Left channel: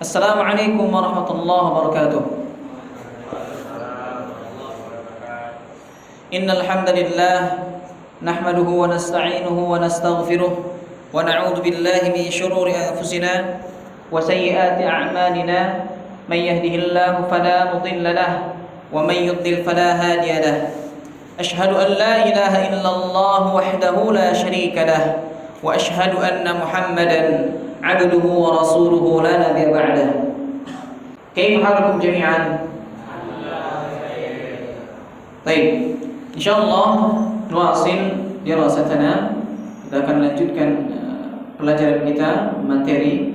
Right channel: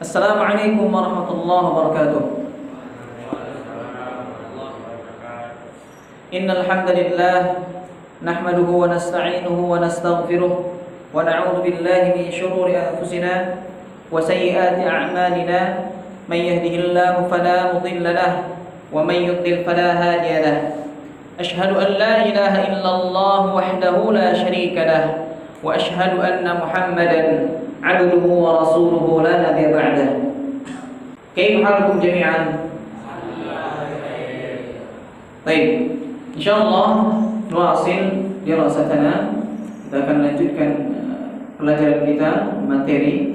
Assalamualaikum warahmatullahi wabarakatuh. Innal hamdalillah nahmaduhu wa nasta'inuhu wa nastaghfiruh wa na'udzu billahi min shururi anfusina wa sayyiati a'malina. May yahdihillahu fala mudilla lahu wa may yudlil fala hadiya lahu. Ashhadu an la ilaha illallah wahdahu la syarika lahu wa ashhadu anna Muhammadan abduhu wa rasuluhu la nabiyya ba'dah. Kaifa halukum jami'an? Baik, insyaallah nuwasil dirasatana. Kita akan lanjutkan pelajaran kita materi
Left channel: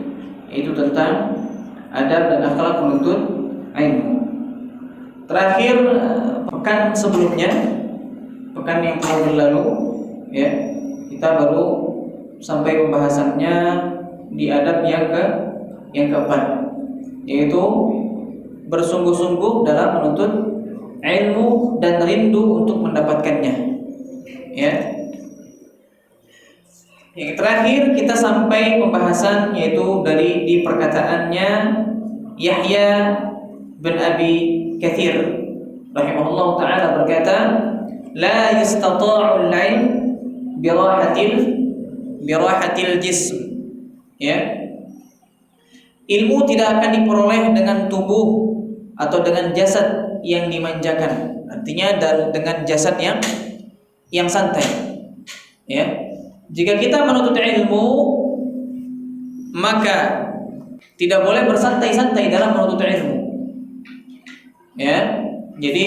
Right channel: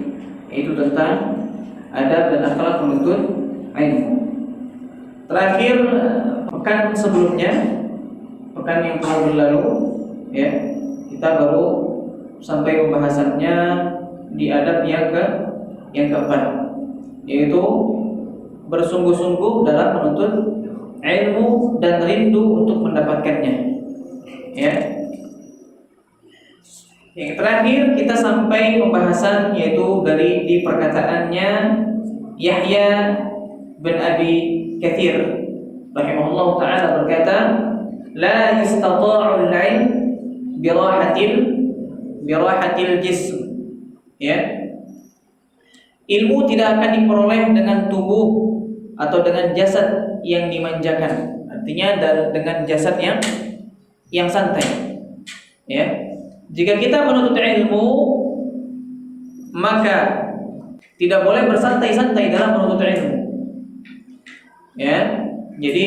yaitu tentang adab dan akhlak penuntut ilmu. Terakhir pekan sebelumnya, pekan yang telah berlalu ya, kita baru sampai pembahasannya di adab yang keempat, yaitu bersungguh-sungguh dalam menuntut ilmu dan rindu untuk mendapatkannya. Ya. Yang terakhir kita sampai pembahasan yaitu di perkataannya Yahya bin Abi Katsir rahimahullah taala berkata, la yastata'ul ilm birahatil jism. Ya, ilmu tidak akan diperoleh dengan tubuh atau dengan jasad yang dimanjakan. Artinya dengan jasad yang santai. Ya, jika kita menuntut ilmu, maka tidak boleh bersantai-santai dalam menuntut ilmu. Ya, jadi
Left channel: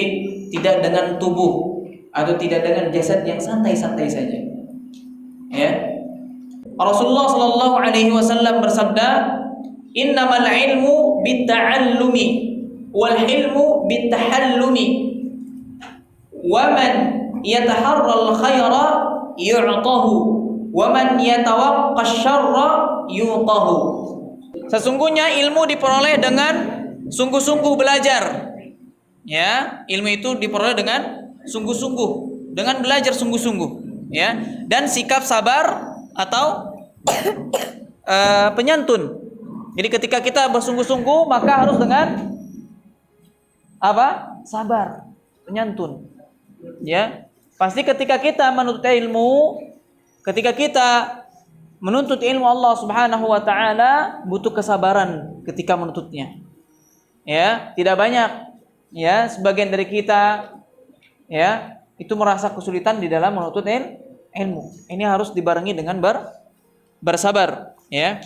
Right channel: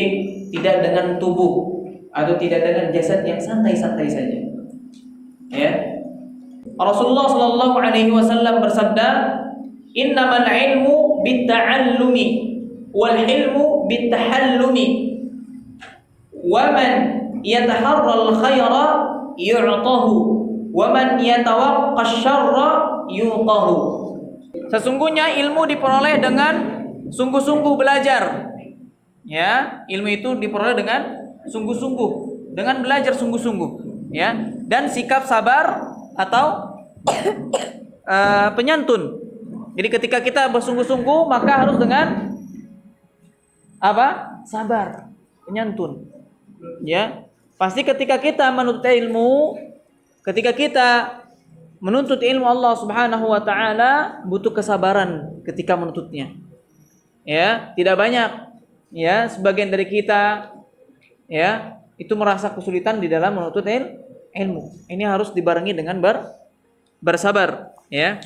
tidak dengan tubuh atau tidak dengan jasad yang santai-santai saja. Ya. Rasulullah sallallahu alaihi wasallam bersabda, "Innamal ilmu bitta'allumi wal hilmu bittahallumi. Wa man yataharral khaira yu'tahu wa man yatawaqqa syarra yuqahu." Sesungguhnya ilmu diperoleh dengan sungguh-sungguh belajar. Ya, ilmu itu diperoleh dengan sungguh-sungguh, dengan belajar sungguh-sungguh, ya, dan sikap sabar atau penyantun. Jadi ketika kita bersungguh-sungguh maka harus dengan apa? Sabar, penyantun. Ya. Pasti ketika kita menuntut ilmu Allah Subhanahu wa taala butuh kesabaran ketika menuntutnya. Ya, tidak banyak ya sebagian dari kita ya itu merasa kesulitan di dalam menuntut ilmu. Ini harus dibarengi dengan bersabar, ya.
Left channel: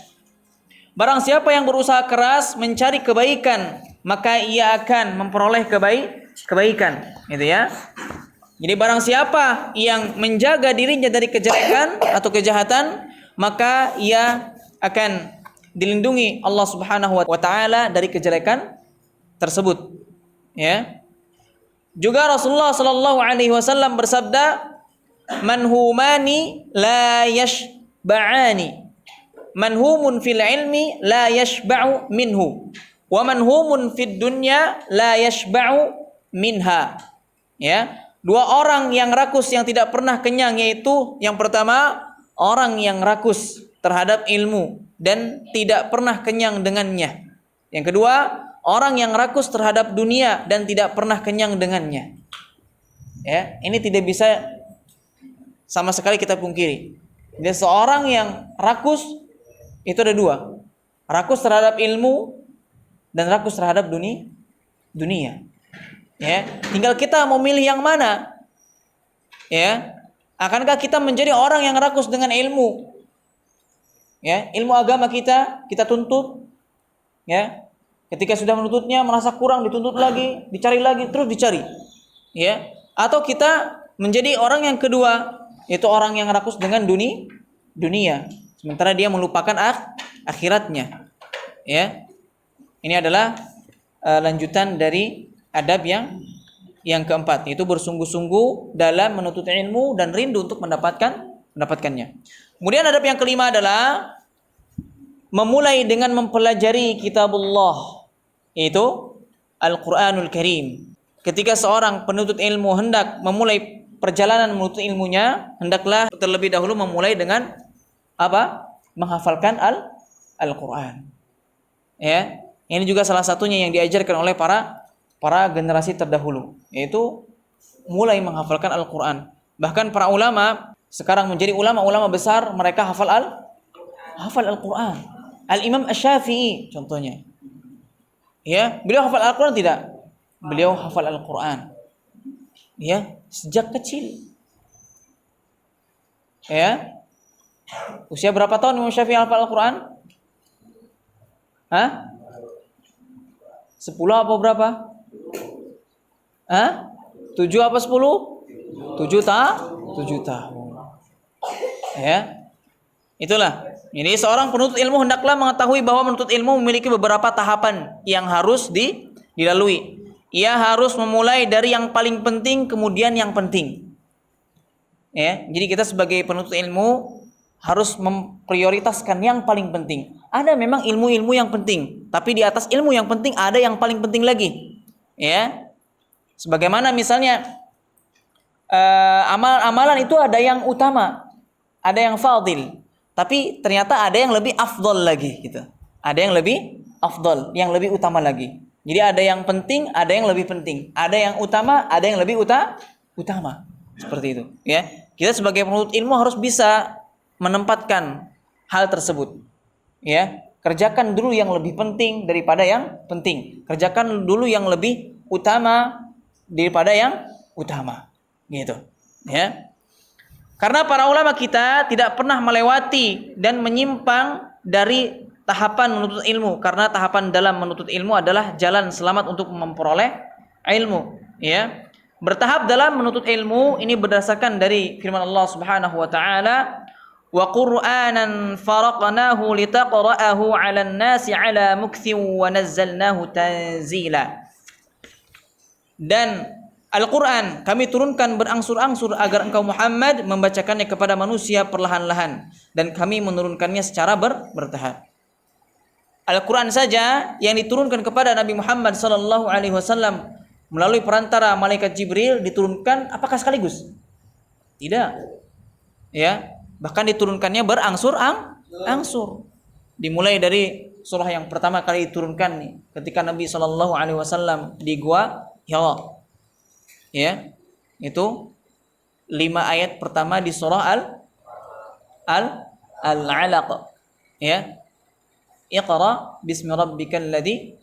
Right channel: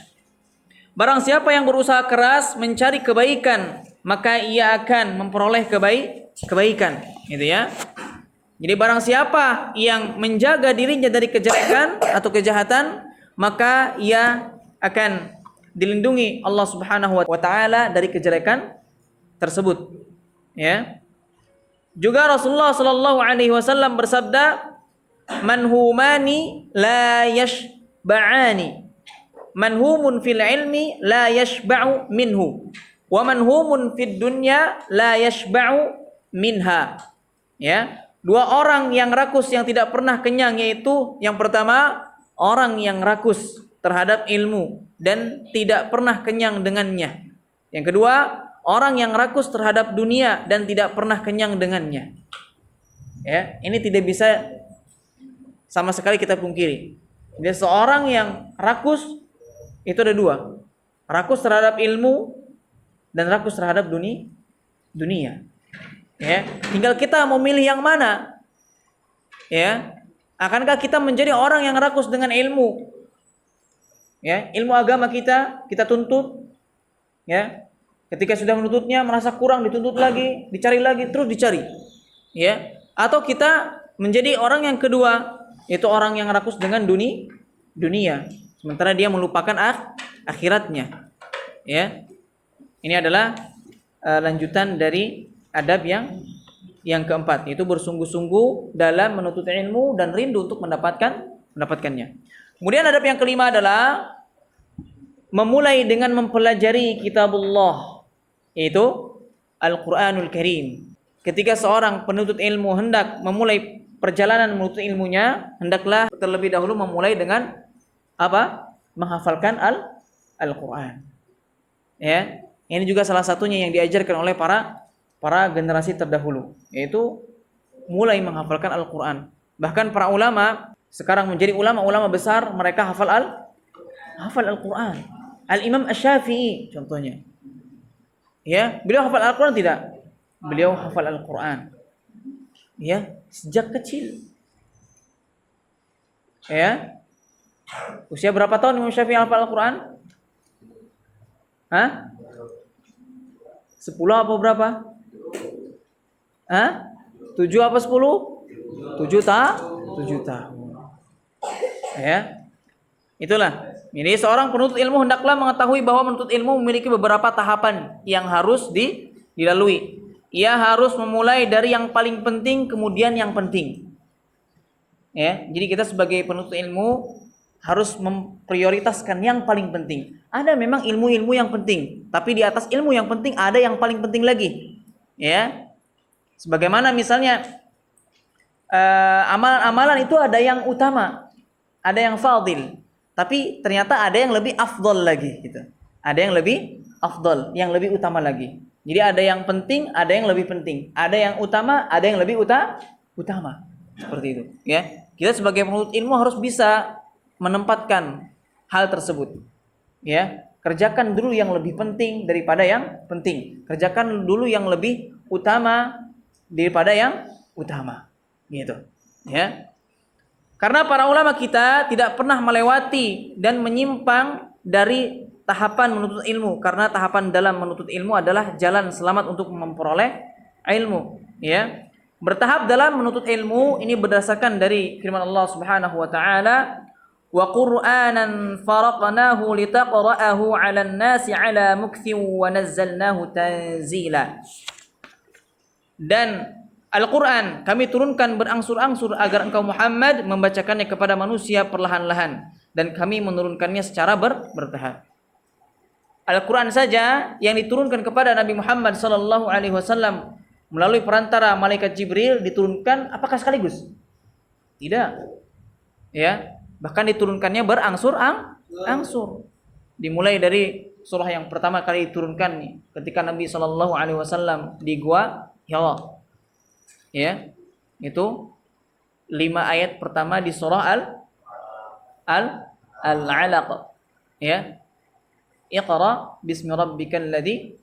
Barang siapa yang berusaha keras mencari kebaikan, maka ia akan memperoleh kebaikan, gitu ya. Jadi barang siapa yang menjaga dirinya dari kejelekan atau kejahatan, maka ia akan dilindungi Allah Subhanahu wa taala dari kejelekan tersebut, ya. Juga Rasulullah sallallahu alaihi wasallam bersabda, manhumani la yashba'ani. Manhumun fil ilmi la yashba'u minhu. Wa manhumun fid dunya la yashba'u minha. Ya, dua orang yang rakus yang tidak pernah kenyang, yaitu yang pertama orang yang rakus terhadap ilmu dan tidak pernah kenyang dengannya. Yang kedua, orang yang rakus terhadap dunia dan tidak pernah kenyang dengannya. Ya, ini tidak bisa sama sekali kita pungkiri. Jadi seorang yang rakus itu ada dua. Rakus terhadap ilmu dan rakus terhadap dunia. Ya, tinggal kita mau milih yang mana. Ya, akankah kita menjadi orang yang rakus dengan ilmu? Ya, ilmu agama kita tuntut. Ya, ketika sudah menuntutnya merasa kurang, dituntut lagi, dicari lagi, terus dicari. Ya, atau kita menjadi orang yang kedua, yaitu orang yang rakus dengan dunia, sementara dia melupakan akhiratnya. Ya, ini adalah lanjutan dari adab yang keempat, yaitu bersungguh-sungguh dalam menuntut ilmu dan rindu untuk mendapatkannya. Kemudian adab yang kelima adalah memulai dengan mempelajari kitabullah, yaitu Al-Quranul Karim. Ketika seorang penuntut ilmu hendak memulai perjalanan menuntut ilmunya, hendaklah terlebih dahulu memulai dengan apa? Menghafalkan Al-Quran. Ya, ini juga salah satunya yang diajarkan oleh para generasi terdahulu, yaitu mulai menghafalkan Al-Qur'an. Bahkan para ulama sekarang menjadi ulama-ulama besar, mereka hafal Al-Qur'an. Al-Imam Asy-Syafi'i contohnya. Ya, beliau hafal Al-Qur'an tidak? Beliau hafal Al-Qur'an. Ya, sejak kecil. Ya. Usia berapa tahun Imam Syafi'i hafal Al-Qur'an? Hah? 10 apa berapa? Hah? 7 apa 10? 7 tahun. Ya. Itulah. Jadi seorang penuntut ilmu hendaklah mengetahui bahwa menuntut ilmu memiliki beberapa tahapan yang harus dilalui. Ia harus memulai dari yang paling penting kemudian yang penting. Ya, jadi kita sebagai penuntut ilmu harus memprioritaskan yang paling penting. Ada memang ilmu-ilmu yang penting, tapi di atas ilmu yang penting ada yang paling penting lagi. Ya. Sebagaimana misalnya amalan-amalan itu ada yang utama, ada yang fadil, tapi ternyata ada yang lebih afdol lagi gitu. Ada yang lebih afdol, yang lebih utama lagi. Jadi ada yang penting, ada yang lebih penting. Ada yang utama, ada yang lebih utama. Seperti itu, ya. Kita sebagai penuntut ilmu harus bisa menempatkan hal tersebut. Ya, kerjakan dulu yang lebih penting daripada yang penting. Kerjakan dulu yang lebih utama daripada yang utama. Gitu, ya. Karena para ulama kita tidak pernah melewati dan menyimpang dari tahapan menuntut ilmu, karena tahapan dalam menuntut ilmu adalah jalan selamat untuk memperoleh ilmu, ya. Bertahap dalam menuntut ilmu ini berdasarkan dari firman Allah Subhanahu wa taala, wa Qur'anan faraqnahu litaqra'ahu 'alan nasi 'ala mukthin wa nazzalnahu tanzila. Dan Al-Quran kami turunkan berangsur-angsur agar engkau Muhammad membacakannya kepada manusia perlahan-lahan, dan kami menurunkannya secara bertahap. Al-Quran saja yang diturunkan kepada Nabi Muhammad sallallahu alaihi wasallam melalui perantara malaikat Jibril diturunkan apakah sekaligus? Tidak. Ya, bahkan diturunkannya berangsur-angsur. Dimulai dari surah yang pertama kali diturunkan ketika Nabi sallallahu alaihi wasallam di Gua Hira. Ya, itu 5 ayat pertama di surah Al-Alaq. Ya. Iqra bismi rabbikal ladzi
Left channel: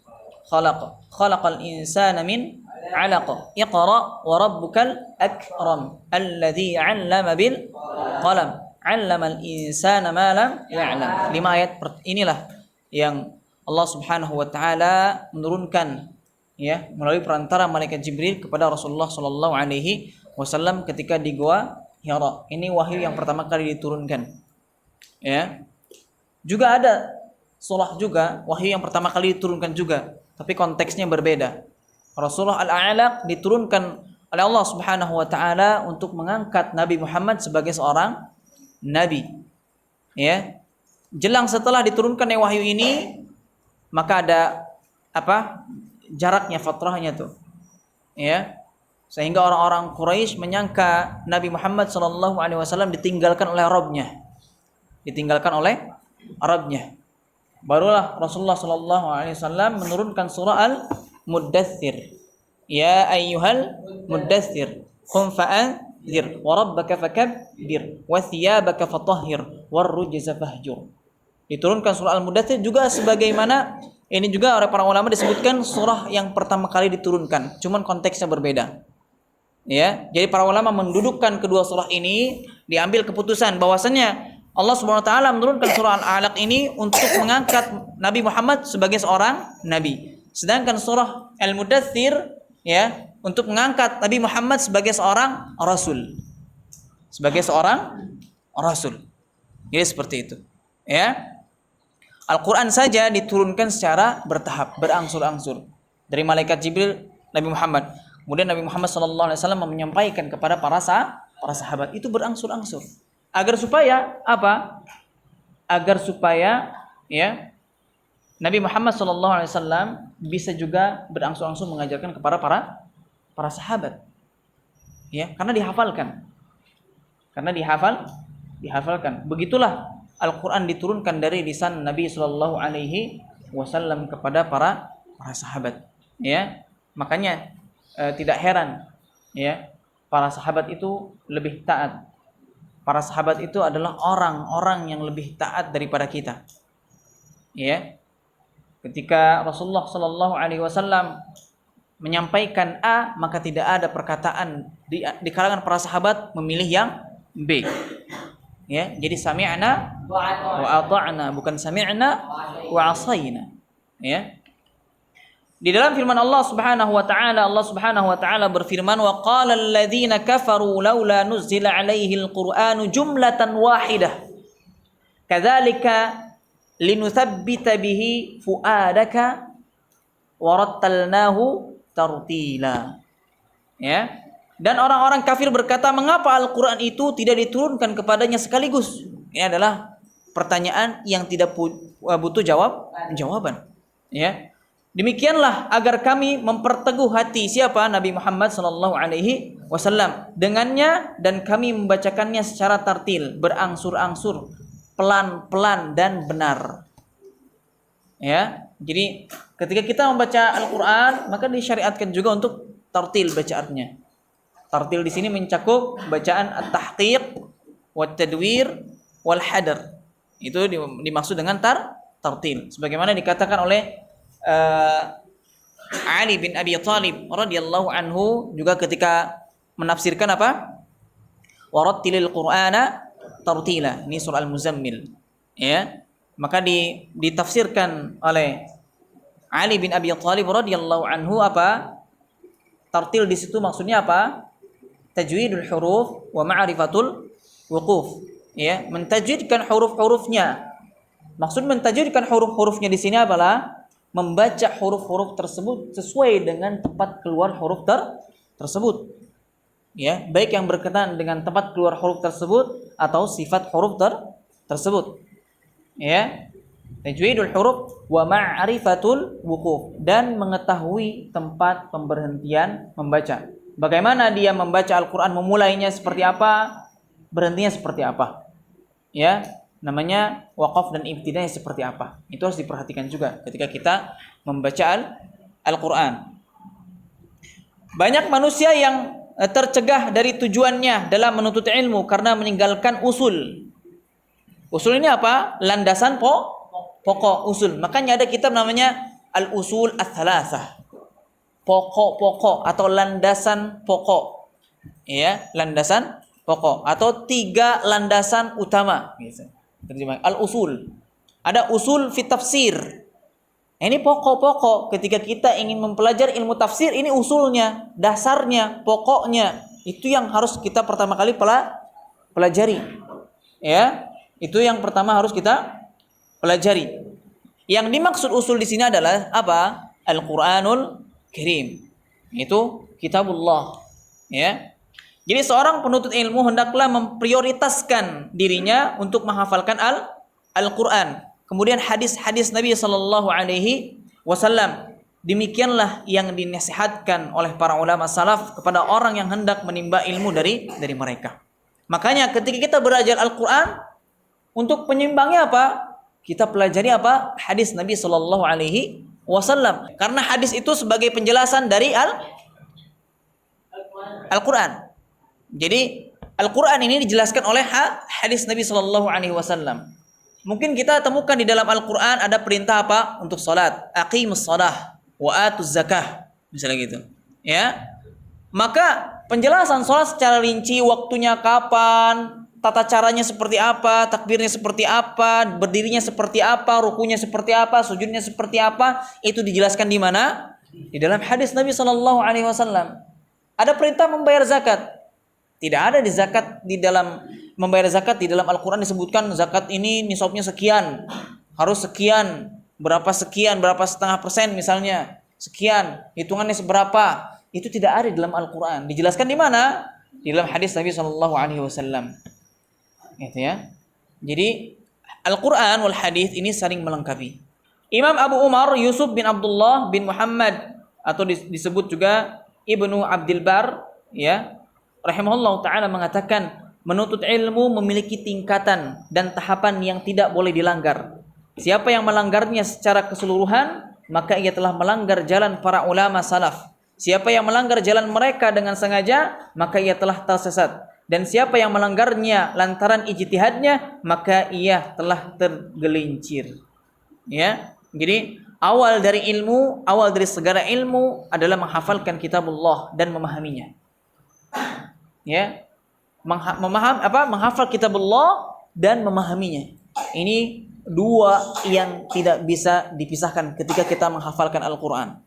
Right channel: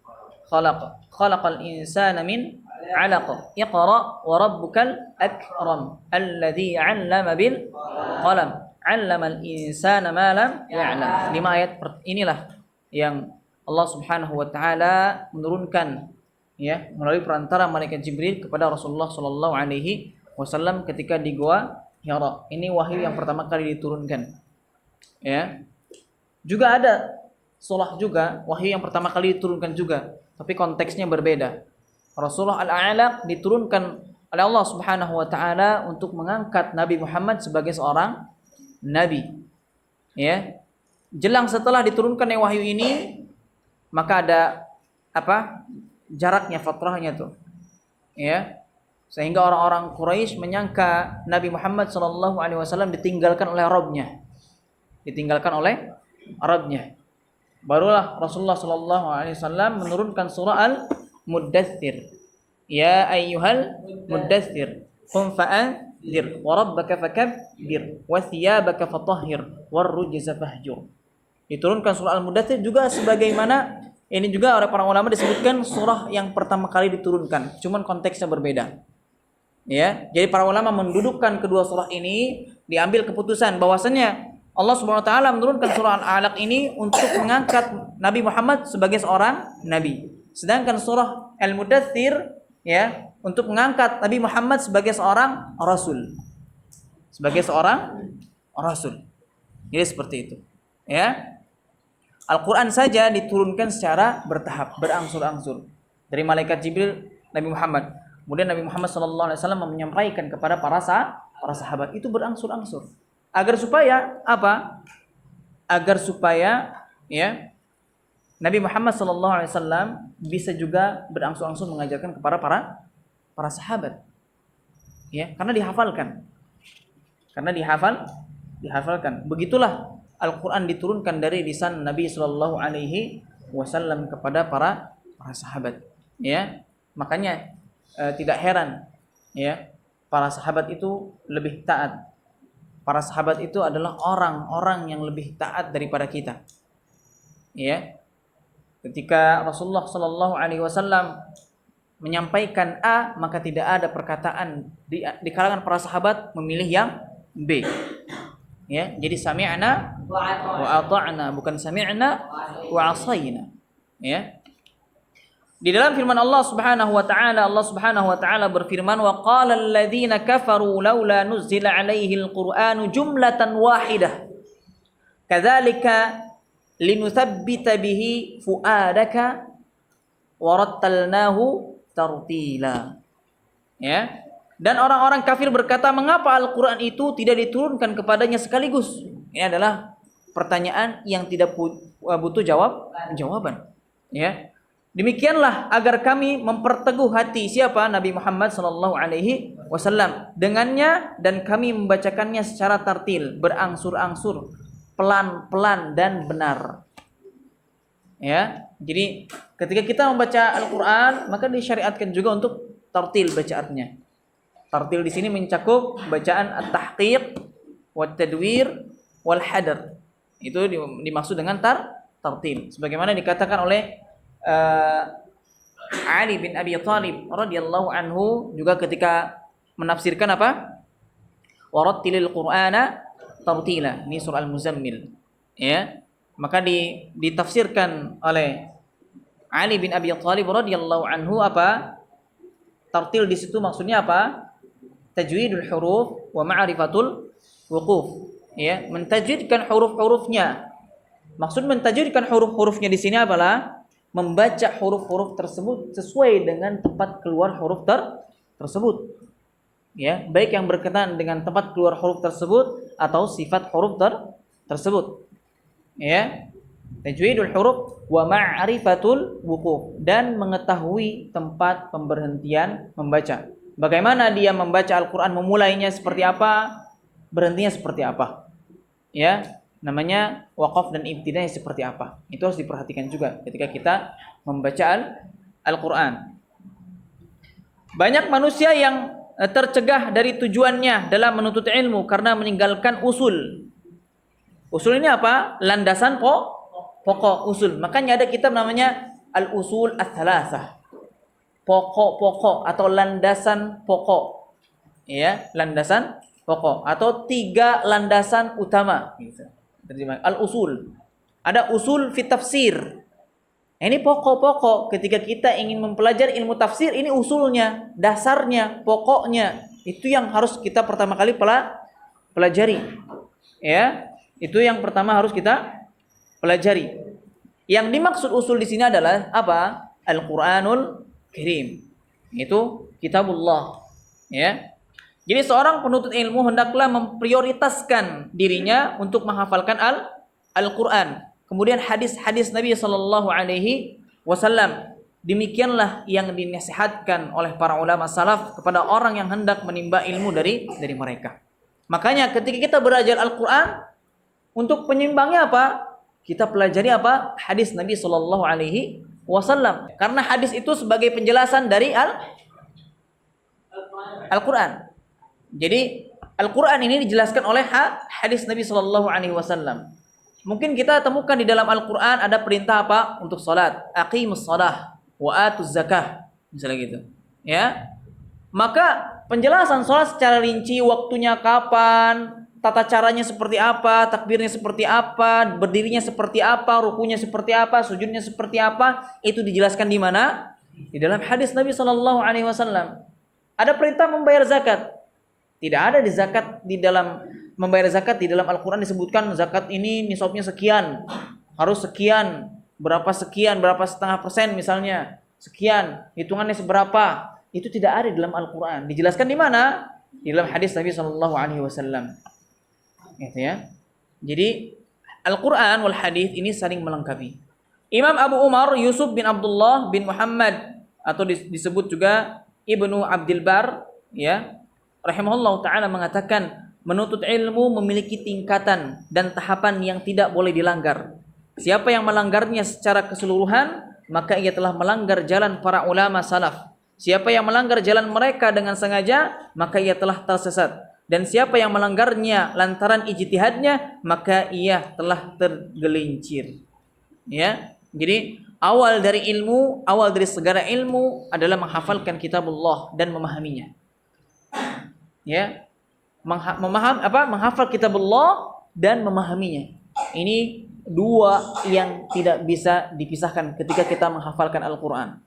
khalaq. Khalaqal insana min 'alaq. Iqra wa rabbukal akram alladzi 'allama bil qalam. 'Allamal insana ma lam ya'lam. 5 ayat inilah yang Allah Subhanahu wa taala menurunkan, ya, melalui perantara malaikat Jibril kepada Rasulullah sallallahu alaihi wasallam ketika di Gua Hira. Ini wahyu yang pertama kali diturunkan. Ya. Juga ada surah juga wahyu yang pertama kali diturunkan juga, tapi konteksnya berbeda. Rasulullah Al-A'laq diturunkan oleh Allah Subhanahu wa taala untuk mengangkat Nabi Muhammad sebagai seorang nabi. Ya. Jelang setelah diturunkannya wahyu ini, maka ada jaraknya, fatrahnya tuh, ya, sehingga orang-orang Quraisy menyangka Nabi Muhammad SAW ditinggalkan oleh Rabbnya. Barulah Rasulullah SAW menurunkan surah Al-Muddathir, ya ayyuhal muddathir qum fa'anzir wa rabbaka fakabbir wa thiyabaka fatahhir war rujza fahjur. Diturunkan surah Al-Muddathir juga sebagaimana ini juga oleh para ulama disebutkan surah yang pertama kali diturunkan, cuman konteksnya berbeda. Ya, jadi para ulama mendudukkan kedua surah ini, diambil keputusan bahwasanya Allah Subhanahu wa taala menurunkan surah Al-Alaq ini untuk mengangkat Nabi Muhammad sebagai seorang nabi. Sedangkan surah Al-Muddathir, ya, untuk mengangkat Nabi Muhammad sebagai seorang rasul. Jadi seperti itu. Ya. Al-Quran saja diturunkan secara bertahap, berangsur-angsur dari malaikat Jibril Nabi Muhammad. Kemudian Nabi Muhammad SAW menyampaikan kepada para sahabat, itu berangsur-angsur. Agar supaya apa? Agar supaya, ya, Nabi Muhammad SAW bisa juga berangsur-angsur mengajarkan kepada para sahabat. Ya, karena dihafalkan. Dihafalkan. Begitulah Al-Quran diturunkan dari lisan Nabi Sallallahu Alaihi wasallam kepada para sahabat. Ya, makanya tidak heran ya para sahabat itu lebih taat. Para sahabat itu adalah orang-orang yang lebih taat daripada kita. Ya, ketika Rasulullah Shallallahu Alaihi Wasallam menyampaikan A, maka tidak ada perkataan di kalangan para sahabat memilih yang B. Ya, jadi sami'na wa ata'na, bukan sami'na wa asayna. Ya. Di dalam firman Allah Subhanahu wa taala berfirman, wa qala alladziina kafaru laula nuzila 'alaihi al-Qur'anu jumlatan wahidah kadzalika linuthabbita bihi fuadaka wa rattalnahu tartila. Ya. Dan orang-orang kafir berkata, mengapa Al-Qur'an itu tidak diturunkan kepadanya sekaligus? Ini adalah pertanyaan yang tidak butuh jawaban. Ya. Demikianlah agar kami memperteguh hati siapa? Nabi Muhammad sallallahu alaihi wasallam dengannya, dan kami membacakannya secara tartil, berangsur-angsur, pelan-pelan dan benar. Ya. Jadi ketika kita membaca Al-Qur'an, maka disyariatkan juga untuk tartil bacaannya. Tartil di sini mencakup bacaan at-tahqiq, wat-tadwir, wal hadr. Itu dimaksud dengan tartil. Sebagaimana dikatakan oleh Ali bin Abi Thalib radhiyallahu anhu juga ketika menafsirkan apa? Warattilil Qur'ana tartila. Ini surah Al-Muzammil. Ya. Maka ditafsirkan oleh Ali bin Abi Thalib radhiyallahu anhu apa? Tartil di situ maksudnya apa? Tajwidul huruf wa ma'rifatul wuquf. Ya, mentajwidkan huruf-hurufnya. Maksud mentajwidkan huruf-hurufnya di sini adalah membaca huruf-huruf tersebut sesuai dengan tempat keluar huruf tersebut. Ya, baik yang berkenaan dengan tempat keluar huruf tersebut atau sifat huruf tersebut. Ya. Tajwidul huruf wa ma'rifatul wuquf, dan mengetahui tempat pemberhentian membaca. Bagaimana dia membaca Al-Qur'an, memulainya seperti apa, berhentinya seperti apa. Ya, namanya waqaf dan ibtidai seperti apa. Itu harus diperhatikan juga ketika kita membaca Al-Qur'an. Banyak manusia yang tercegah dari tujuannya dalam menuntut ilmu karena meninggalkan usul. Usul ini apa? Landasan pokok usul. Makanya ada kitab namanya Al-Usul Ats-Tsalatsah. Pokok-pokok atau landasan pokok. Ya, landasan pokok atau 3 landasan utama gitu. Terjemah al-usul. Ada usul fi tafsir. Ini pokok-pokok ketika kita ingin mempelajari ilmu tafsir, ini usulnya, dasarnya, pokoknya. Itu yang harus kita pertama kali pelajari. Ya, itu yang pertama harus kita pelajari. Yang dimaksud usul di sini adalah apa? Al-Qur'anul Karim. Itu kitabullah. Ya. Jadi seorang penuntut ilmu hendaklah memprioritaskan dirinya untuk menghafalkan Al-Qur'an. Kemudian hadis-hadis Nabi sallallahu alaihi wasallam. Demikianlah yang dinasihatkan oleh para ulama salaf kepada orang yang hendak menimba ilmu dari mereka. Makanya ketika kita belajar Al-Qur'an, untuk penyimbangnya apa? Kita pelajari apa? Hadis Nabi sallallahu alaihi wasallam. Karena hadis itu sebagai penjelasan dari Al-Qur'an. Jadi Al-Qur'an ini dijelaskan oleh hadis Nabi sallallahu alaihi wasallam. Mungkin kita temukan di dalam Al-Qur'an ada perintah apa? Untuk salat, aqimus shalah wa atuz zakah, misalnya gitu. Ya. Maka penjelasan salat secara rinci, waktunya kapan, tata caranya seperti apa, takbirnya seperti apa, berdirinya seperti apa, rukunya seperti apa, sujudnya seperti apa, itu dijelaskan di mana? Di dalam hadis Nabi sallallahu alaihi wasallam. Ada perintah membayar zakat. Tidak ada di dalam membayar zakat di dalam Al-Qur'an disebutkan zakat ini nisabnya sekian, harus sekian, berapa setengah persen misalnya, sekian, hitungannya seberapa. Itu tidak ada di dalam Al-Qur'an. Dijelaskan di mana? Di dalam hadis Nabi sallallahu alaihi wasallam. Gitu ya. Jadi Al-Qur'an wal hadis ini saling melengkapi. Imam Abu Umar Yusuf bin Abdullah bin Muhammad, atau disebut juga Ibnu Abdul Bar, ya, rahimahullah ta'ala, mengatakan menuntut ilmu memiliki tingkatan dan tahapan yang tidak boleh dilanggar. Siapa yang melanggarnya secara keseluruhan, maka ia telah melanggar jalan para ulama salaf. Siapa yang melanggar jalan mereka dengan sengaja, maka ia telah tersesat. Dan siapa yang melanggarnya lantaran ijtihadnya, maka ia telah tergelincir. Ya. Jadi awal dari ilmu, awal dari segala ilmu adalah menghafalkan kitabullah dan memahaminya. Ya. Menghafal kitabullah dan memahaminya. Ini dua yang tidak bisa dipisahkan ketika kita menghafalkan Al-Quran.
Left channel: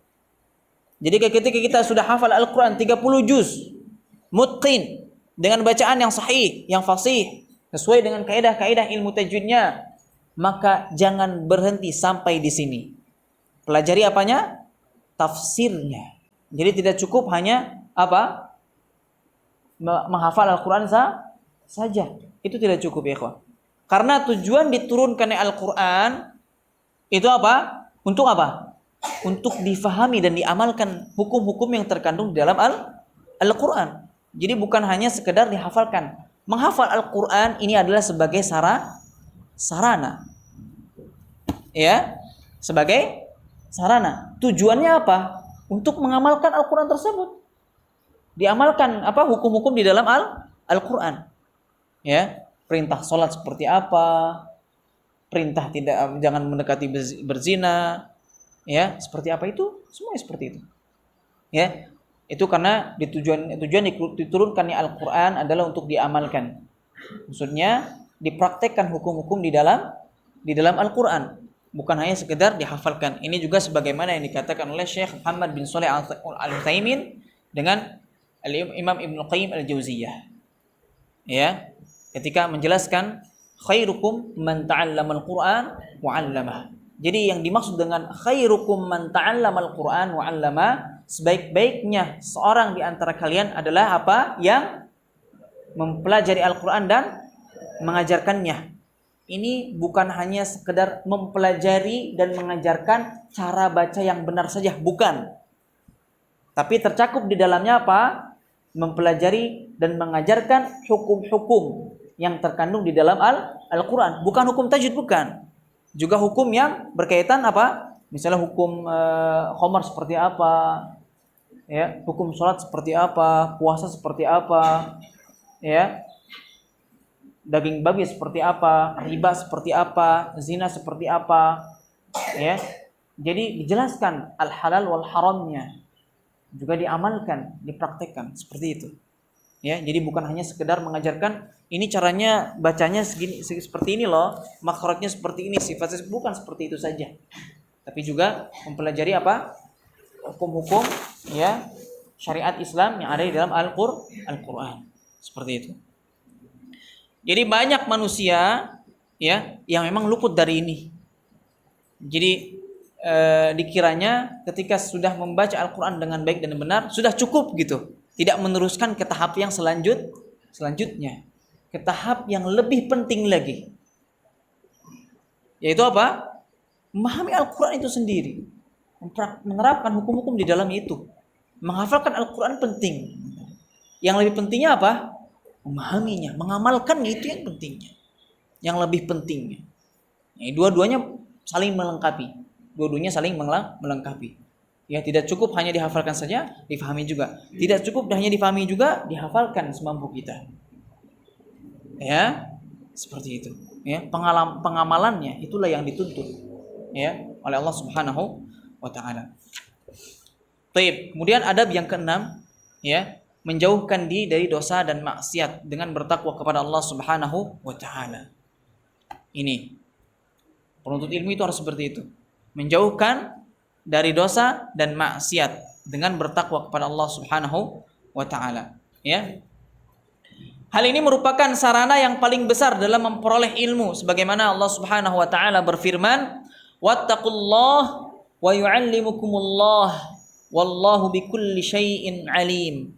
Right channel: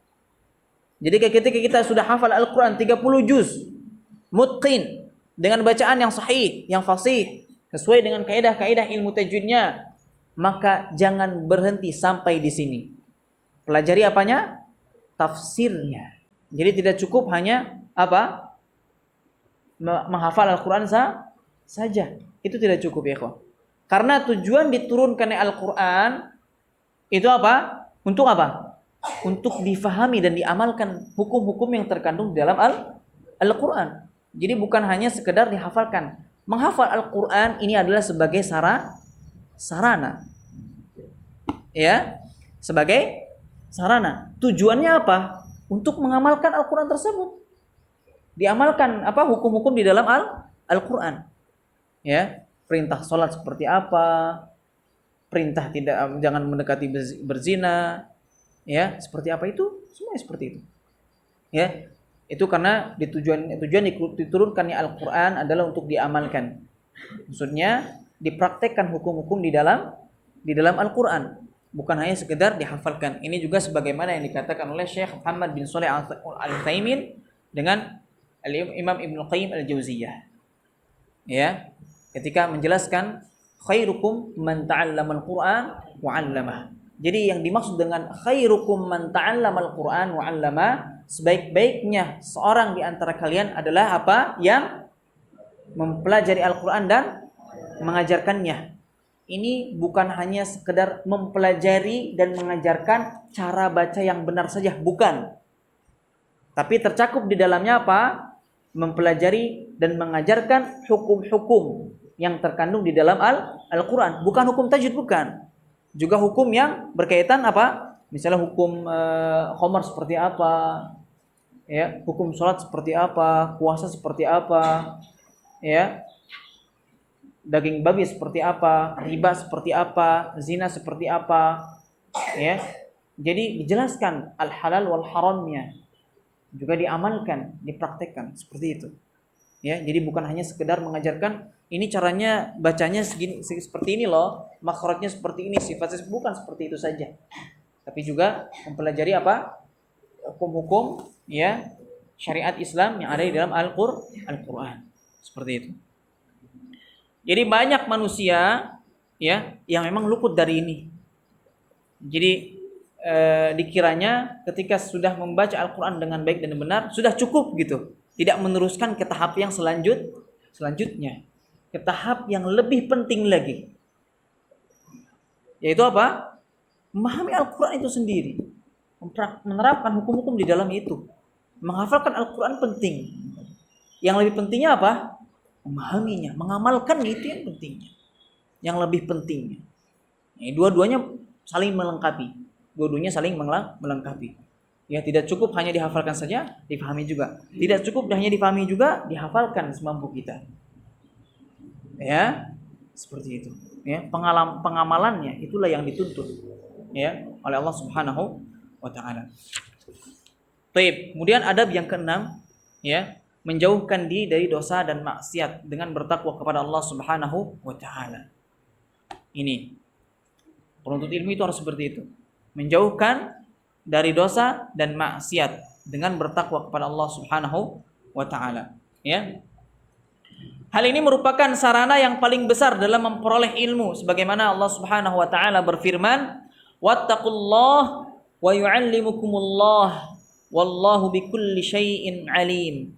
Jadi ketika kita sudah hafal Al-Quran 30 juz, mutqin, dengan bacaan yang sahih, yang fasih, sesuai dengan kaidah-kaidah ilmu tajwidnya, maka jangan berhenti sampai di sini. Pelajari apanya? Tafsirnya. Jadi tidak cukup hanya apa? Menghafal Al-Quran saja. Itu tidak cukup ya kawan. Karena tujuan diturunkannya Al-Quran itu apa? Untuk apa? Untuk difahami dan diamalkan hukum-hukum yang terkandung di dalam Al-Quran. Jadi bukan hanya sekedar dihafalkan. Menghafal Al-Quran ini adalah sebagai sarana. Ya, sebagai sarana. Tujuannya apa? Untuk mengamalkan Al-Quran tersebut. Diamalkan apa? Hukum-hukum di dalam Al-Quran. Ya, perintah sholat seperti apa? Perintah jangan mendekati berzina. Ya, seperti apa itu? Semua seperti itu. Ya, itu karena tujuan diturunkannya Al-Quran adalah untuk diamalkan. Maksudnya dipraktekkan hukum-hukum di dalam Al-Quran, bukan hanya sekedar dihafalkan. Ini juga sebagaimana yang dikatakan oleh Syekh Muhammad bin Shalih Al-Utsaimin dengan Imam Ibnu Qayyim Al-Jauziyah. Ya, ketika menjelaskan khairukum man ta'allamal Qur'an wa 'allamah. Jadi yang dimaksud dengan khairukum man ta'allamal Qur'an wa 'allamah, sebaik-baiknya seorang di antara kalian adalah apa? Yang mempelajari Al-Qur'an dan mengajarkannya. Ini bukan hanya sekedar mempelajari dan mengajarkan cara baca yang benar saja, bukan. Tapi tercakup di dalamnya apa? Mempelajari dan mengajarkan hukum-hukum yang terkandung di dalam Al-Qur'an, bukan hukum tajwid, bukan. Juga hukum yang berkaitan apa? Misalnya hukum khamar seperti apa? Ya, hukum sholat seperti apa? Puasa seperti apa? Ya. Daging babi seperti apa? Riba seperti apa? Zina seperti apa? Ya. Jadi dijelaskan al-halal wal haramnya. Juga diamalkan, dipraktekkan seperti itu. Ya, jadi bukan hanya sekedar mengajarkan ini caranya bacanya segini seperti ini loh, makhrajnya seperti ini, sifatnya bukan seperti itu saja. Tapi juga mempelajari apa? Hukum-hukum ya syariat Islam yang ada di dalam Al-Qur'an. Seperti itu. Jadi banyak manusia ya yang memang luput dari ini. Jadi dikiranya ketika sudah membaca Al-Qur'an dengan baik dan benar sudah cukup gitu. Tidak meneruskan ke tahap yang selanjutnya. Ke tahap yang lebih penting lagi. Yaitu apa? Memahami Al-Quran itu sendiri. Menerapkan hukum-hukum di dalam itu. Menghafalkan Al-Quran penting. Yang lebih pentingnya apa? Memahaminya. Mengamalkan itu yang pentingnya. Yang lebih pentingnya. Dua-duanya saling melengkapi. Dua-duanya saling melengkapi. Ya, tidak cukup hanya dihafalkan saja, difahami juga. Tidak cukup hanya difahami juga, dihafalkan semampu kita. Ya, seperti itu. Ya, pengamalannya itulah yang dituntut ya oleh Allah Subhanahu wa taala. Baik, kemudian adab yang keenam ya, menjauhkan diri dari dosa dan maksiat dengan bertakwa kepada Allah Subhanahu wa taala. Ini penuntut ilmu itu harus seperti itu. Menjauhkan dari dosa dan maksiat dengan bertakwa kepada Allah Subhanahu wa taala, ya. Hal ini merupakan sarana yang paling besar dalam memperoleh ilmu sebagaimana Allah Subhanahu wa taala berfirman, "Wattaqullah wa yu'allimukumullah wallahu bikulli syai'in alim."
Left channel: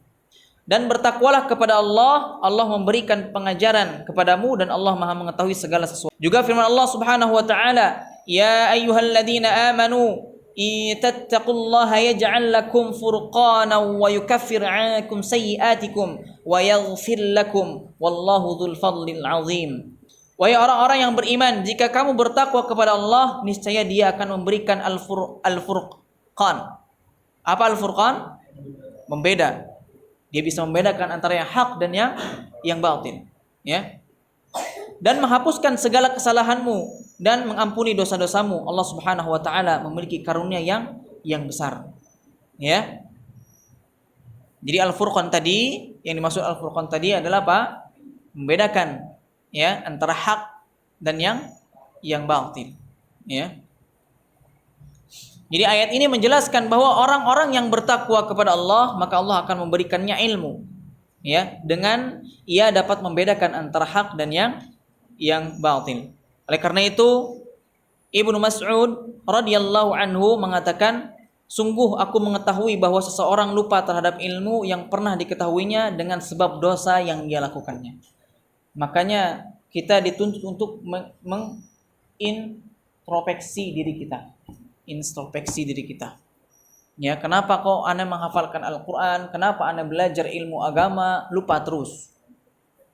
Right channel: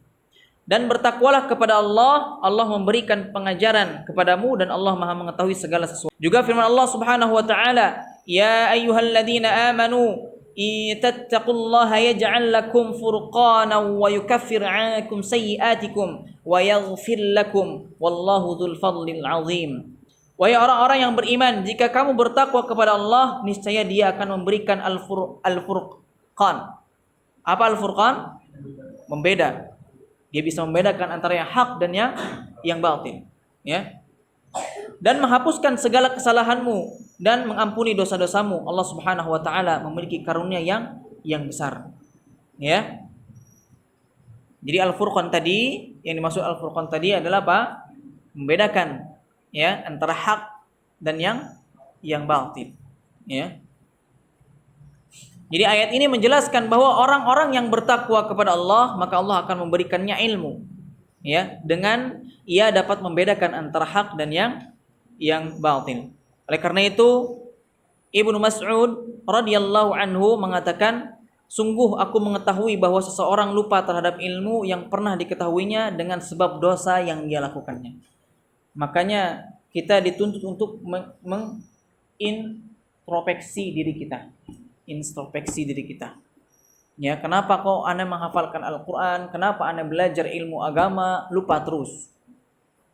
Dan bertakwalah kepada Allah, Allah memberikan pengajaran kepadamu dan Allah Maha mengetahui segala sesuatu. Juga firman Allah Subhanahu wa taala, "Ya ayyuhalladzina amanu tattaqullaha yaj'al lakum furqana wa yukaffir 'ankum sayyi'atikum wa yaghfir lakum wallahu dzul fadlil 'azim." Wahai orang-orang yang beriman, jika kamu bertakwa kepada Allah, niscaya Dia akan memberikan al-furqan. Apa al-furqan? Membeda. Dia bisa membedakan antara yang hak dan yang batil, ya. Dan menghapuskan segala kesalahanmu dan mengampuni dosa-dosamu. Allah Subhanahu wa taala memiliki karunia yang besar. Ya. Jadi al-furqan tadi, yang dimaksud al-furqan tadi adalah apa? Membedakan ya antara hak dan yang batil, ya. Jadi ayat ini menjelaskan bahwa orang-orang yang bertakwa kepada Allah, maka Allah akan memberikannya ilmu, ya, dengan ia dapat membedakan antara hak dan yang batil. Oleh karena itu Ibnu Mas'ud radhiyallahu anhu mengatakan, sungguh aku mengetahui bahwa seseorang lupa terhadap ilmu yang pernah diketahuinya dengan sebab dosa yang dia lakukannya. Makanya kita dituntut untuk mengintrospeksi diri kita. Introspeksi diri kita. Ya, kenapa kok Anda menghafalkan Al-Qur'an? Kenapa Anda belajar ilmu agama lupa terus?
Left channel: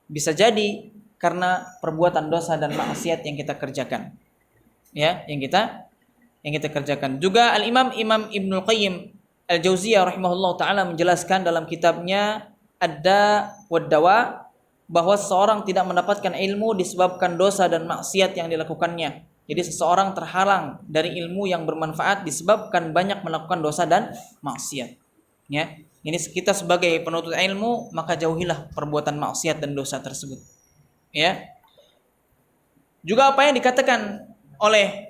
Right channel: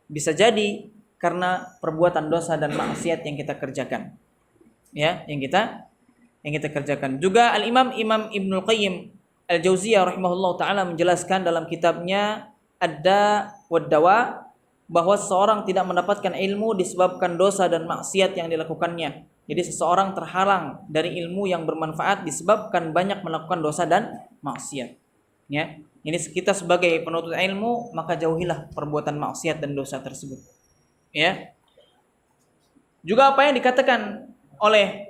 Bisa jadi karena perbuatan dosa dan maksiat yang kita kerjakan. Ya, yang kita kerjakan. Juga Al-Imam Ibnu Qayyim Al-Jauziyah rahimahullah taala menjelaskan dalam kitabnya Ad-Da wad Dawa bahwa seseorang tidak mendapatkan ilmu disebabkan dosa dan maksiat yang dilakukannya. Jadi seseorang terhalang dari ilmu yang bermanfaat disebabkan banyak melakukan dosa dan maksiat. Ya, ini kita sebagai penuntut ilmu maka jauhilah perbuatan maksiat dan dosa tersebut. Ya. Juga apa yang dikatakan oleh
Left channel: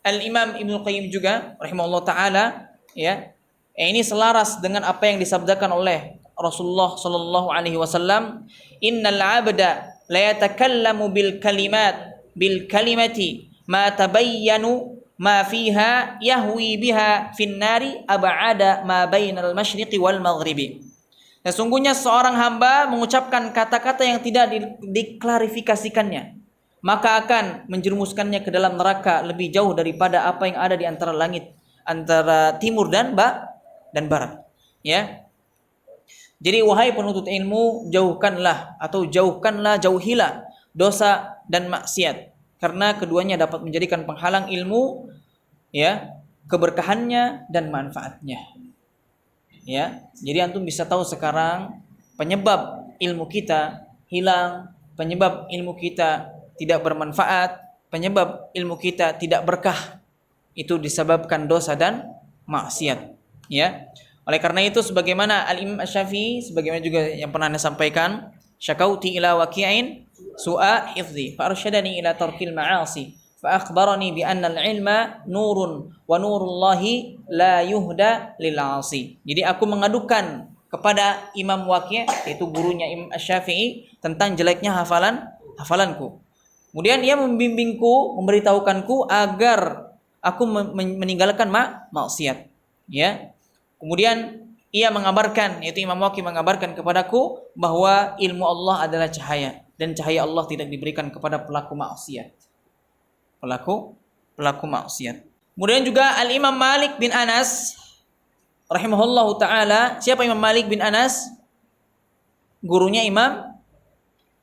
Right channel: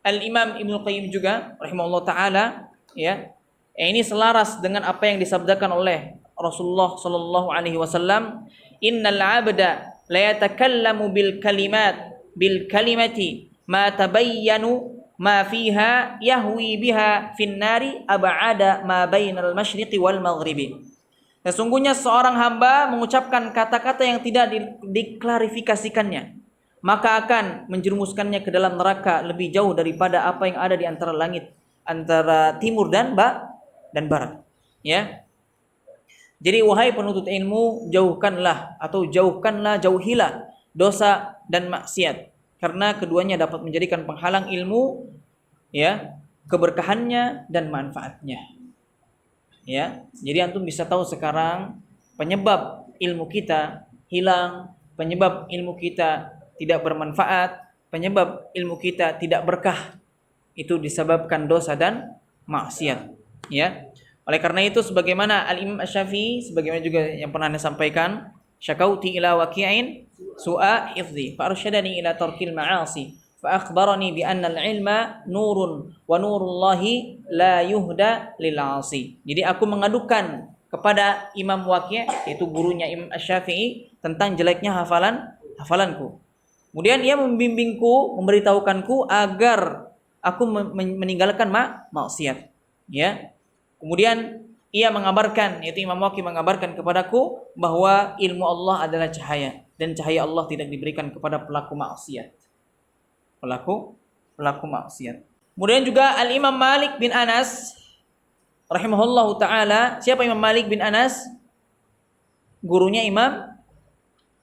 Al-Imam Ibnu Qayyim juga rahimahullah taala, ya. Ini selaras dengan apa yang disabdakan oleh Rasulullah sallallahu alaihi wasallam, "Innal 'abda la yatakallamu bil kalimati ma tabayyanu ma fiha yahwi biha fin nari ab'ada ma bainal masyriqi wal maghribi." Sesungguhnya seorang hamba mengucapkan kata-kata yang tidak diklarifikasikannya, maka akan menjerumuskannya ke dalam neraka lebih jauh daripada apa yang ada di antara langit, antara timur dan barat. Ya. Jadi wahai penuntut ilmu, jauhilah dosa dan maksiat, karena keduanya dapat menjadikan penghalang ilmu, ya, keberkahannya dan manfaatnya. Ya, jadi antum bisa tahu sekarang penyebab ilmu kita hilang, penyebab ilmu kita tidak bermanfaat, penyebab ilmu kita tidak berkah, itu disebabkan dosa dan maksiat. Ya, oleh karena itu sebagaimana Al-Imam Asy-Syafi'i, sebagaimana juga yang pernah Anda sampaikan, syakauti ila waqi'in su'a hifdzi fa arsyadani ila tarkil ma'asi fa akhbarani bi anna al-ilma nurun wa nurullahi la yuhda lil 'asi. Jadi aku mengadukan kepada Imam Waqi', yaitu gurunya Imam Asy-Syafi'i, tentang jeleknya hafalanku. Kemudian ia membimbingku, memberitahukanku agar aku meninggalkan maksiat. Ya. Kemudian ia mengabarkan, yaitu Imam Waqi' mengabarkan kepadaku bahwa ilmu Allah adalah cahaya, dan cahaya Allah tidak diberikan kepada pelaku maksiat. Pelaku maksiat. Kemudian juga Al-Imam Malik bin Anas rahimahullahu taala. Siapa Imam Malik bin Anas? Gurunya Imam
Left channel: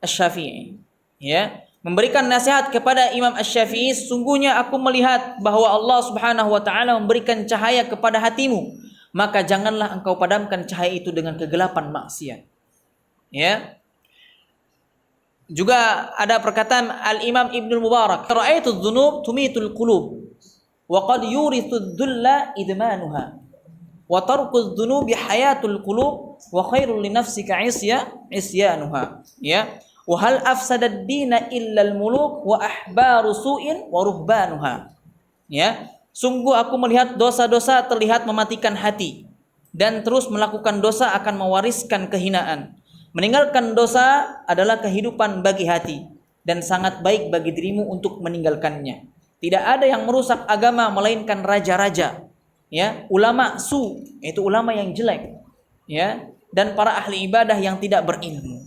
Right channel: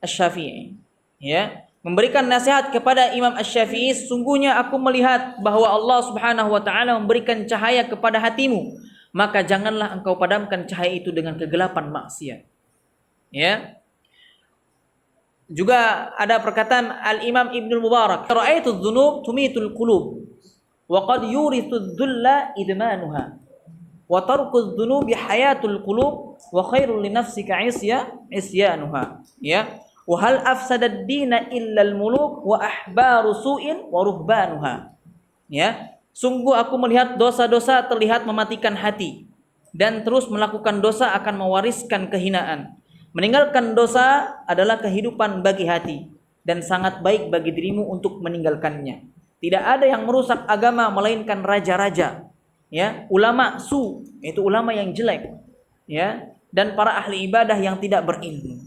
Asy-Syafi'i. Ya, memberikan nasihat kepada Imam Asy-Syafi'i, sungguhnya aku melihat bahwa Allah Subhanahu wa taala memberikan cahaya kepada hatimu, maka janganlah engkau padamkan cahaya itu dengan kegelapan maksiat. Ya. Juga ada perkataan Al-Imam Ibnu Mubarak, "Ra'aitu adh-dhunub tumitul qulub wa qad yurithu adh-dhulla idmanuha wa tarku adh-dhunubi hayatul qulub wa khairul li nafsika isyanuha." Ya. "Wa hal afsada ad-dina illa al-muluk wa ahbaru su'in wa ruhbanuha." Ya. Sungguh aku melihat dosa-dosa terlihat mematikan hati, dan terus melakukan dosa akan mewariskan kehinaan. Meninggalkan dosa adalah kehidupan bagi hati, dan sangat baik bagi dirimu untuk meninggalkannya. Tidak ada yang merusak agama melainkan raja-raja, ya, ulama yaitu ulama yang jelek, ya, dan para ahli ibadah yang tidak berilmu.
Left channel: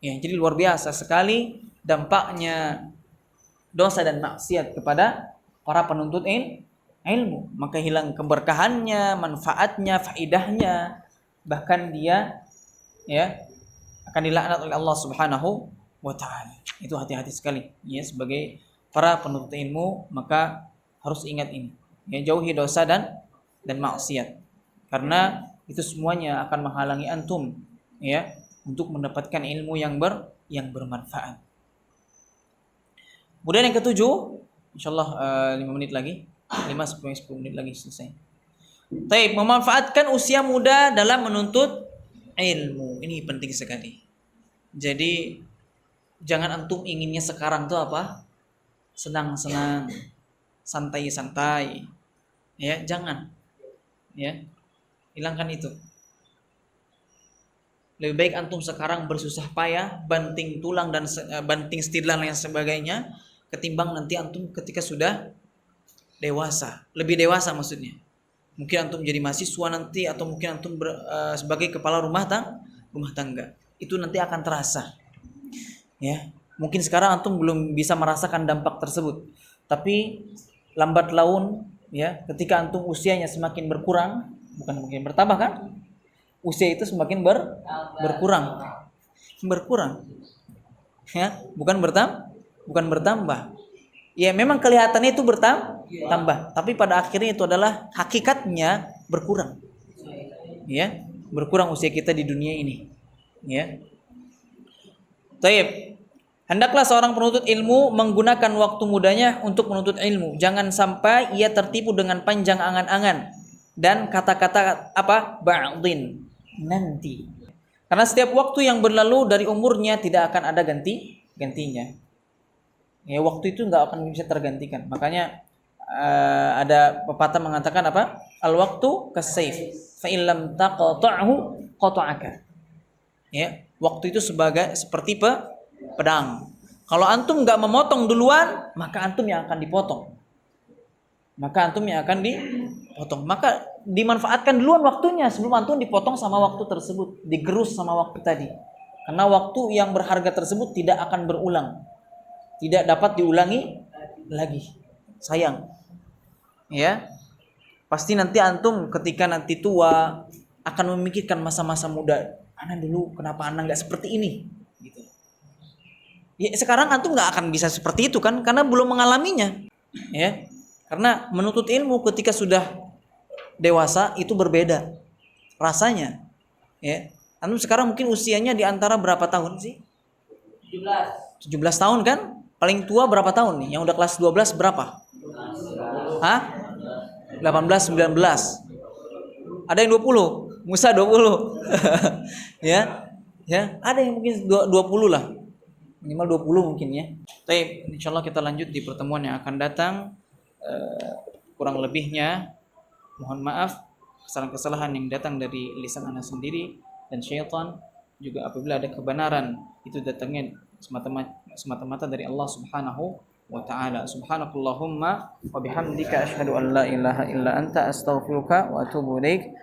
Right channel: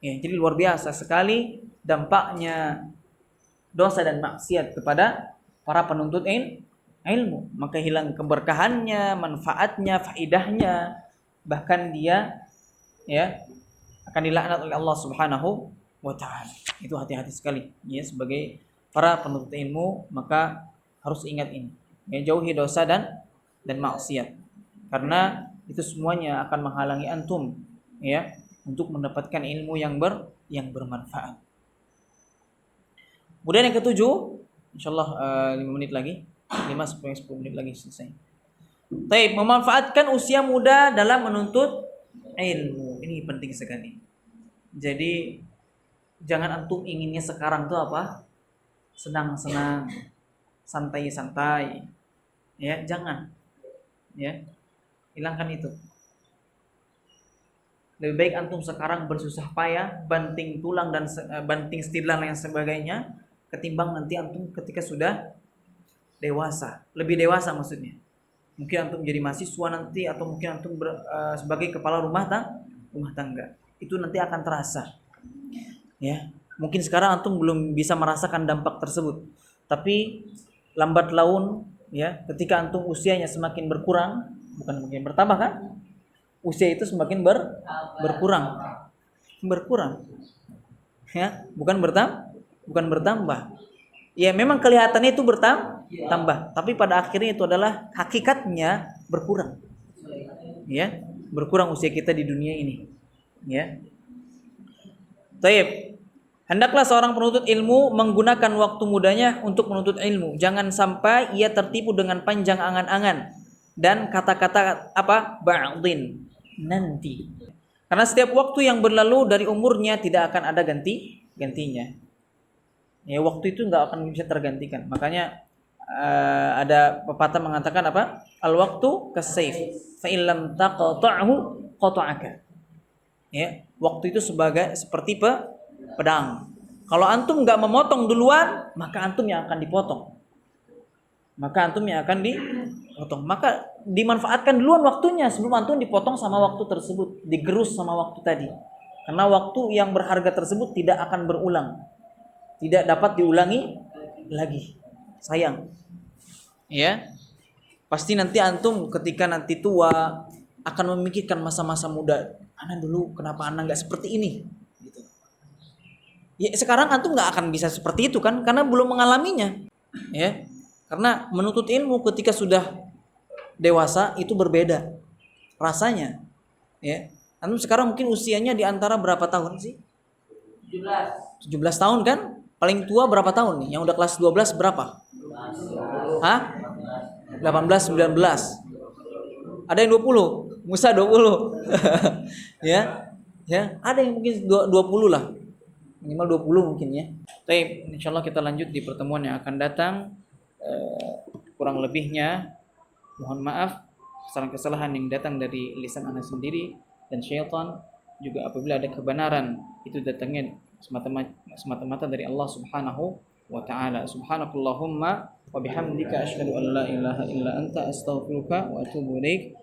Ya, jadi luar biasa sekali dampaknya dosa dan maksiat kepada para penuntut ilmu. Maka hilang keberkahannya, manfaatnya, faidahnya, bahkan dia, ya, akan dilaknat oleh Allah Subhanahu wa taala. Itu hati-hati sekali ya, sebagai para penuntut ilmu maka harus ingat ini. Ya, jauhi dosa dan maksiat. Karena itu semuanya akan menghalangi antum ya untuk mendapatkan ilmu yang bermanfaat. Kemudian yang ketujuh, insyaallah 5 menit lagi, 5-10 menit lagi selesai. Baik, memanfaatkan usia muda dalam menuntut ilmu. Ini penting sekali. Jadi jangan antum inginnya sekarang tuh apa? Senang-senang, santai-santai. Ya, jangan. Ya. Hilangkan itu. Lebih baik antum sekarang bersusah payah, banting tulang dan banting setir dan lain sebagainya, ketimbang nanti antum ketika sudah dewasa, lebih dewasa maksudnya. Mungkin antum jadi mahasiswa nanti, atau mungkin antum sebagai kepala rumah tangga. Itu nanti akan terasa. Ya, mungkin sekarang antum belum bisa merasakan dampak tersebut, tapi lambat laun ya, ketika antum usianya semakin berkurang, bukan mungkin bertambah kan? Usia itu semakin berkurang. Ya, bukan bertambah. Ya, memang kelihatannya itu bertambah, tapi pada akhirnya itu adalah hakikatnya berkurang. Ya, berkurang usia kita di dunia ini. Ya. Baik. Hendaklah seorang penuntut ilmu menggunakan waktu mudanya untuk menuntut ilmu. Jangan sampai ia tertipu dengan panjang angan-angan dan kata-kata ba'din, nanti. Karena setiap waktu yang berlalu dari umurnya tidak akan ada gantinya. Ya, waktu itu enggak akan bisa tergantikan. Makanya ada pepatah mengatakan apa? Al-waqtu kas-sayf, fa in lam taqta'hu qata'aka. Ya, waktu itu seperti pedang. Kalau antum enggak memotong duluan, maka antum yang akan dipotong. Maka dimanfaatkan duluan waktunya sebelum antum dipotong sama waktu tersebut, digerus sama waktu tadi. Karena waktu yang berharga tersebut tidak akan berulang. Tidak dapat diulangi lagi. Sayang. Ya. Pasti nanti antum ketika nanti tua akan memikirkan masa-masa muda. Ana dulu kenapa ana enggak seperti ini? Gitu. Ya, sekarang antum enggak akan bisa seperti itu kan, karena belum mengalaminya. Ya. Karena menuntut ilmu ketika sudah dewasa itu berbeda rasanya. Ya. Antum sekarang mungkin usianya di antara berapa tahun sih? 17 tahun kan? Paling tua berapa tahun nih? Yang udah kelas 12 berapa? Hah? 18, 19. Ada yang 20. Musa 20. Ya. Ya, ada yang mungkin 20 lah. Minimal 20 mungkin ya. Baik, insyaallah kita lanjut di pertemuan yang akan datang. Kurang lebihnya mohon maaf kesalahan-kesalahan yang datang dari lisan ana sendiri dan syaitan. Juga apabila ada kebenaran itu datangnya semata-mata dari Allah Subhanahu wa taala. Subhanakallahumma wa bihamdika asyhadu an la ilaha illa anta astaghfiruka wa atubu ilaik.